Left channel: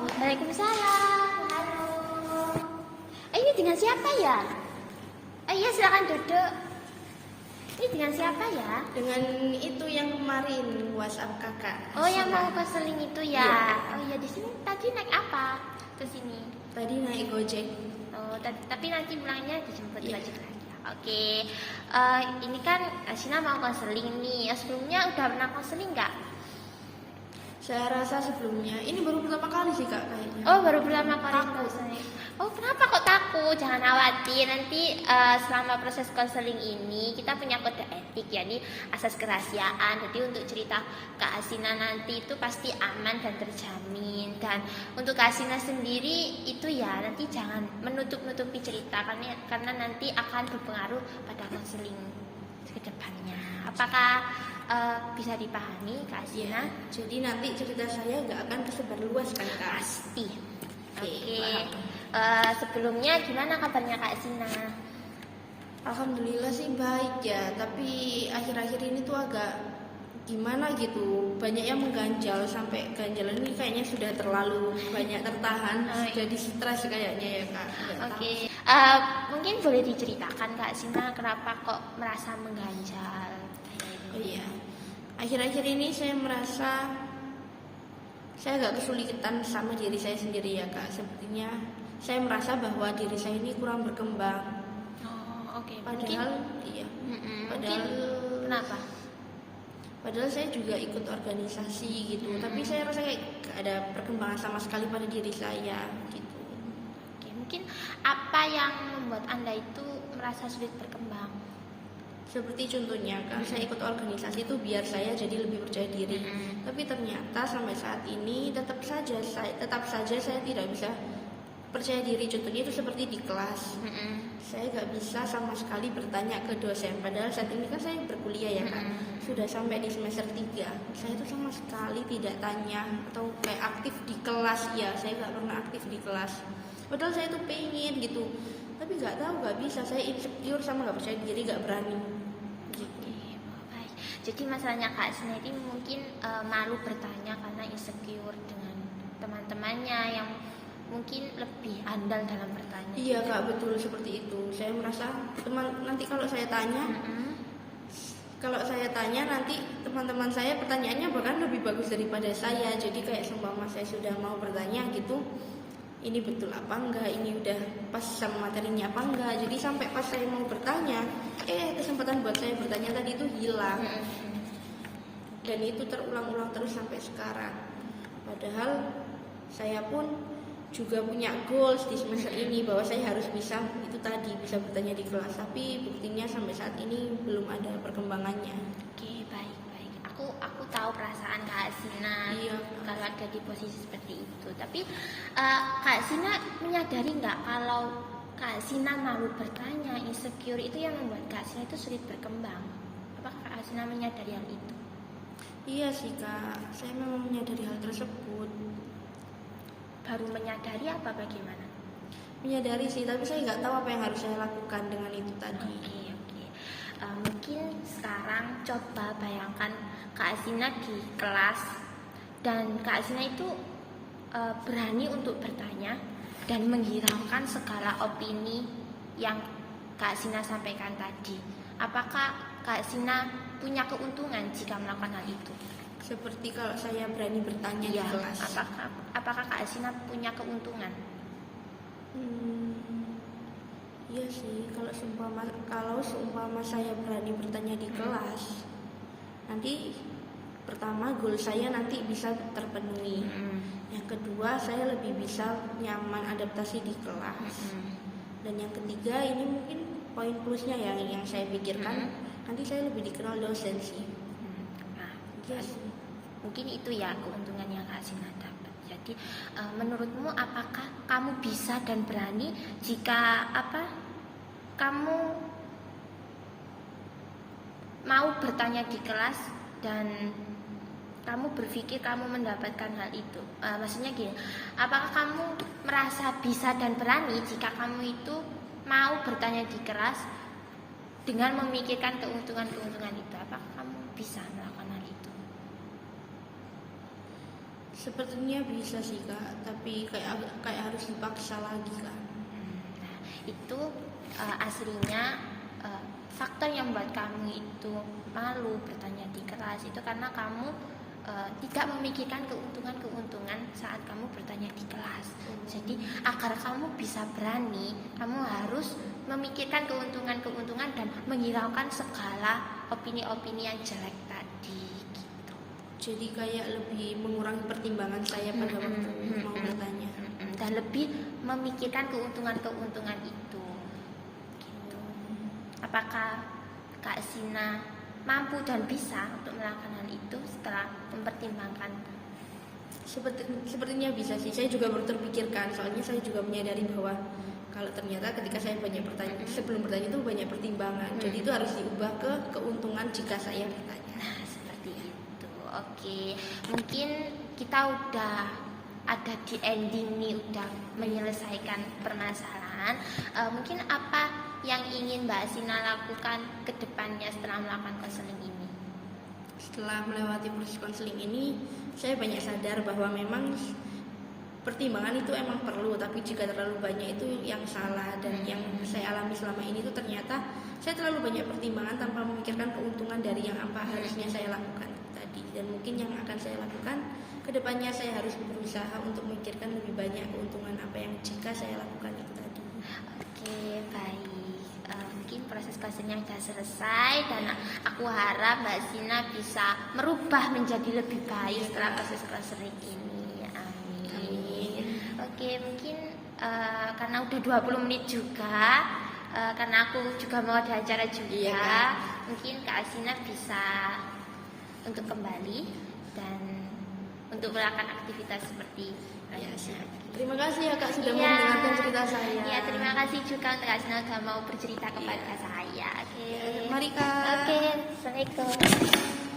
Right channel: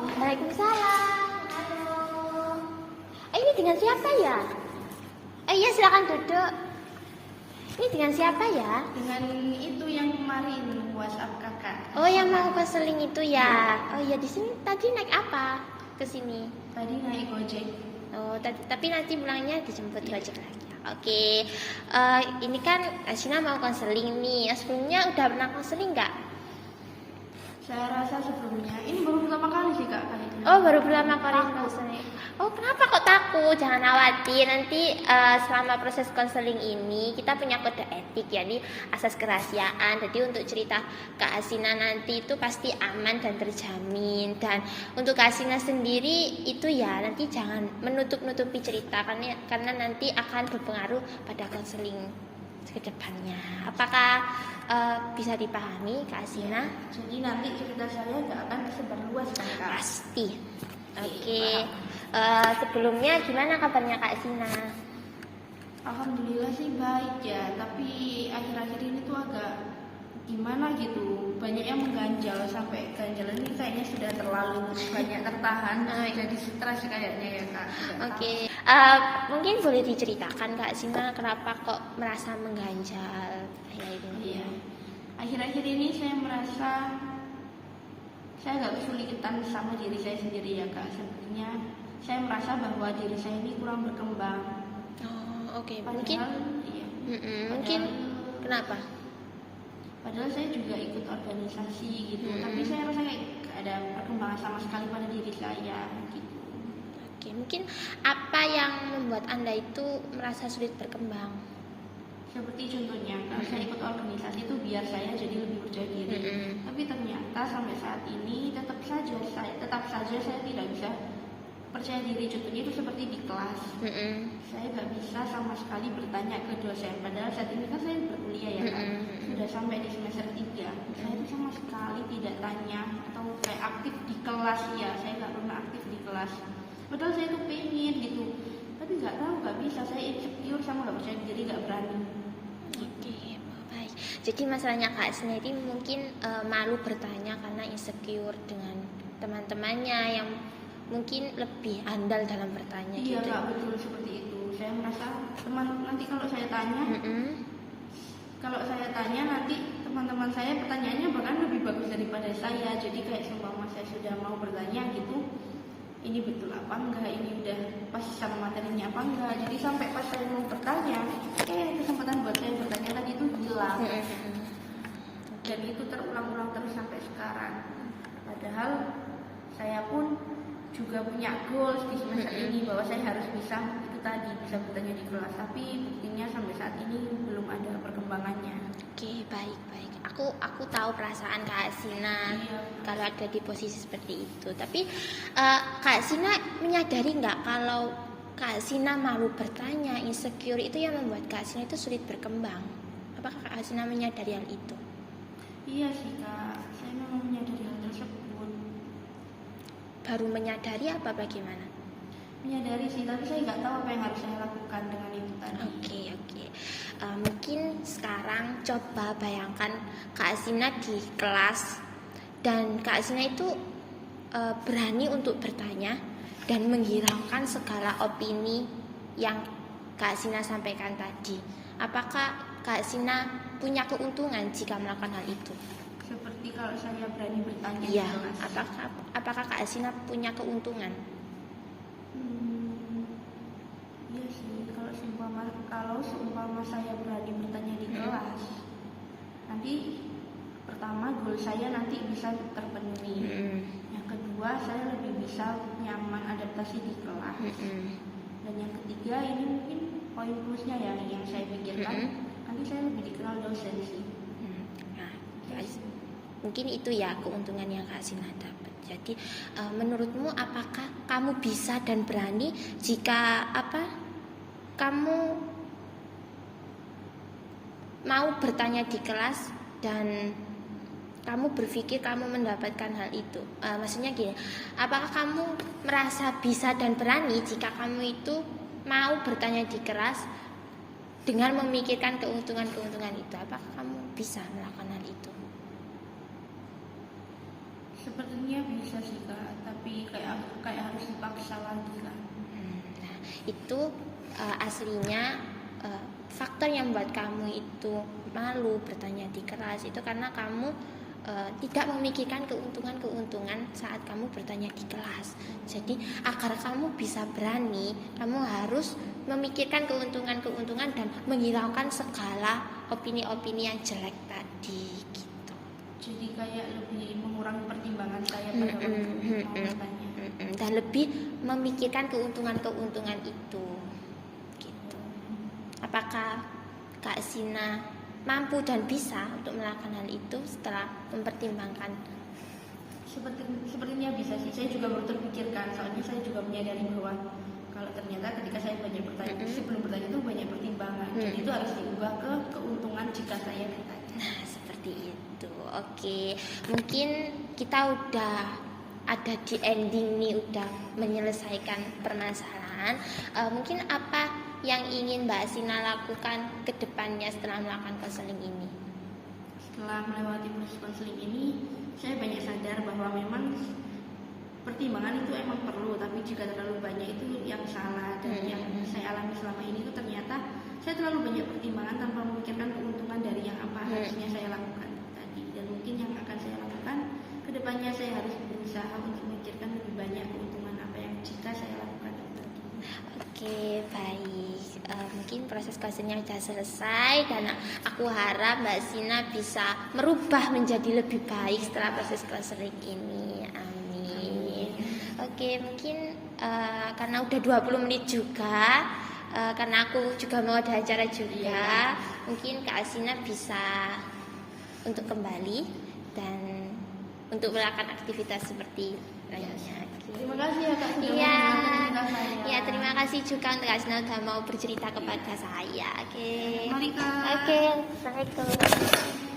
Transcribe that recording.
Waalaikumsalam. Halo. Ini dengan siapa ya? Iya silakan duduk. Ini dengan siapa ya? Dengan itu yang kemarin WhatsApp kakak. Oh yang mau konseling itu ya? Oh iya di sini tadi naik apa ke sini? Tadi naik Gojek. Oh tapi nanti bilangnya dijemput Gojek lagi. Oke. Ini kan Asina mau konseling nih. Sebelumnya udah pernah konseling nggak? Saya rasa sebelumnya ini baru pertama kali sih kak kayaknya. Oh baru pertama kali konseling. Oh kenapa kok takut? Jangan khawatir. Nanti selama proses konseling ini kita punya kode etik, jadi asas kerahasiaan. Jadi untuk cerita Kak Asina nanti itu pasti aman dan terjamin. Dan untuk Kak Asina sendiri itu ya nanti jangan menutup-nutupi cerita karena nanti akan berpengaruh pada konseling ke depannya. Apakah bisa dipahami Kak Asina? Jadi nanti cerita saya nggak akan tersebar luas kan kak? Pasti. Oke. Sebelumnya gimana kabarnya Kak Asina? Alhamdulillah sih baik ya, tapi akhir-akhir ini tuh agak gimana gitu, banyak yang mengganjal, sampai ganjalan ini kayaknya sudah terlalu banyak tertahan, jadi stres kayaknya ya kak. Oke. Mungkin boleh diceritakan Kak Asina kenapa kok merasa mengganjal kayak ini? Iya. Akhir-akhir ini saya merasa saya agak kesulitan sama diri saya sendiri ya kak. Sepertinya saya merasa bahwa diri saya ini kurang berkembang. Oh oke. Padahal, Mungkin iya. mungkin kenapa? Padahal saya juga ikut organisasi gitu, tapi saya rasa kayak gak ada perkembangan sama sekali pada diri saya gitu. Oke, mungkin apa yang membuat Anda itu merasa sulit berkembang? Seperti contohnya kan saya ikut organisasi itu biar saya jadi lebih percaya diri. Tapi ternyata sampai saat ini tetap saja saya tidak bisa percaya diri. Contohnya itu seperti di kelas. Saya nggak bisa sama sekali bertanya ke dosen. Padahal saat ini kan saya berkuliah ya kan. Sudah sampai di semester 3. Saya itu sama sekali tidak tanya atau kayak aktif di kelas ya. Saya nggak pernah aktif di kelas. Padahal saya itu pengen gitu. Tapi nggak tahu, nggak bisa. Saya insecure sama nggak percaya diri, nggak berani. Jadi masalahnya Kak Asina ini mungkin malu bertanya karena insecure dengan teman-temannya yang mungkin lebih andal dalam bertanya. Iya gitu. Kak, betul seperti itu. Saya merasa nanti kalau saya tanya nanti teman-teman saya pertanyaannya bahkan lebih bagus daripada saya. Jadi kayak seumpama saya sudah mau bertanya gitu, ini betul apa enggak, ini udah pas sama materinya apa enggak. Jadi sampai pas saya mau bertanya, kesempatan buat saya bertanya tadi itu hilang. Dan itu terulang-ulang terus sampai sekarang. Padahal saya pun juga punya goals di semester ini bahwa saya harus bisa itu tadi, bisa bertanya di kelas. Tapi buktinya sampai saat ini belum ada perkembangannya. Oke, baik. Aku tahu perasaan Kak Asina kalau ada di posisi seperti itu. Tapi Kak Asina menyadari nggak kalau Kak Asina malu bertanya, insecure itu yang membuat Kak Asina itu sulit berkembang? Apakah Kak Asina menyadari hal itu? Iya sih Kak, saya memang menyadari hal tersebut. Baru menyadari apa bagaimana? Menyadari sih, tapi saya nggak tahu apa yang harus saya lakukan dengan itu tadi. Oke. Mungkin sekarang coba bayangkan Kak Asina di kelas dan Kak Asina itu berani untuk bertanya dan menghilangkan segala opini yang Kak Asina sampaikan tadi. Apakah Kak Asina punya keuntungan jika melakukan hal itu? Seperti kalau saya berani bertanya di kelas. Apakah Kak Asina punya keuntungan? Iya sih, kalau seumpama saya berani bertanya di kelas, nanti pertama goal saya nanti bisa terpenuhi. Yang kedua saya lebih bisa nyaman adaptasi di kelas. Dan yang ketiga ini mungkin poin plusnya ya yang saya pikirkan, nanti saya lebih dikenal dosen sih. Mungkin itu ya keuntungan yang Kak Asina dapat. Jadi menurutmu apakah kamu bisa dan berani jika kamu mau bertanya di kelas dan kamu berpikir kamu mendapatkan hal itu? Maksudnya gini, apakah kamu merasa bisa dan berani jika kamu itu mau bertanya di kelas dengan memikirkan keuntungan-keuntungan itu? Apakah kamu bisa melakukan hal itu? Sepertinya bisa sih Kak, tapi kayak harus dipaksa lagi Kak. Nah, itu aslinya faktor yang membuat kamu itu malu bertanya di kelas itu karena kamu tidak memikirkan keuntungan saat kamu bertanya di kelas. Jadi agar kamu bisa berani, kamu harus memikirkan keuntungan dan menghilangkan segala opini-opini yang jelek tadi. Gitu. Jadi kayak lebih mengurangi pertimbangan saya pada waktu bertanya. Dan lebih memikirkan keuntungan itu. Gitu. Apakah Kak Zina mampu dan bisa untuk melakukan hal itu setelah mempertimbangkan? Sepertinya bisa sih. Saya juga baru terpikirkan, soalnya saya juga menyadari bahwa kalau ternyata ketika saya banyak bertanya, sebelum bertanya itu banyak pertimbangan. Jadi itu harus diubah ke keuntungan jika saya bertanya. Nah, seperti itu. Oke, mungkin kita udah ada di ending nih, udah menyelesaikan permasalahan. Mungkin apa yang ingin Mbak Zina lakukan ke depannya setelah melakukan konseling ini? Setelah melewati proses konseling ini, saya banyak sadar bahwa memang pertimbangan itu emang perlu, tapi jika terlalu banyak itu yang salah. Dan yang saya alami selama ini itu ternyata saya terlalu banyak pertimbangan tanpa memikirkan keuntungan dari yang apa harusnya saya lakukan tadi. Dan mungkin yang akan saya lakukan ke depannya, saya harus berusaha untuk memikirkan lebih banyak keuntungan apa yang jika saya lakukan itu tadi. Oke, baik. Mungkin proses konselingnya sudah selesai dan aku harap Mbak Zina bisa merubah menjadi lebih baik setelah proses konseling ini. Amin. Oke, mungkin karena udah 20 menit juga, karena aku juga mau ada acara juga, mungkin Kak Zina bisa untuk kembali dan untuk melakukan aktivitas seperti biasa. Terima kasih ya Kak sudah mendengarkan cerita saya. Ya, terima kasih juga untuk Kak Zina sudah mau bercerita kepada saya. Oke. Mari Kak. Oke, assalamualaikum.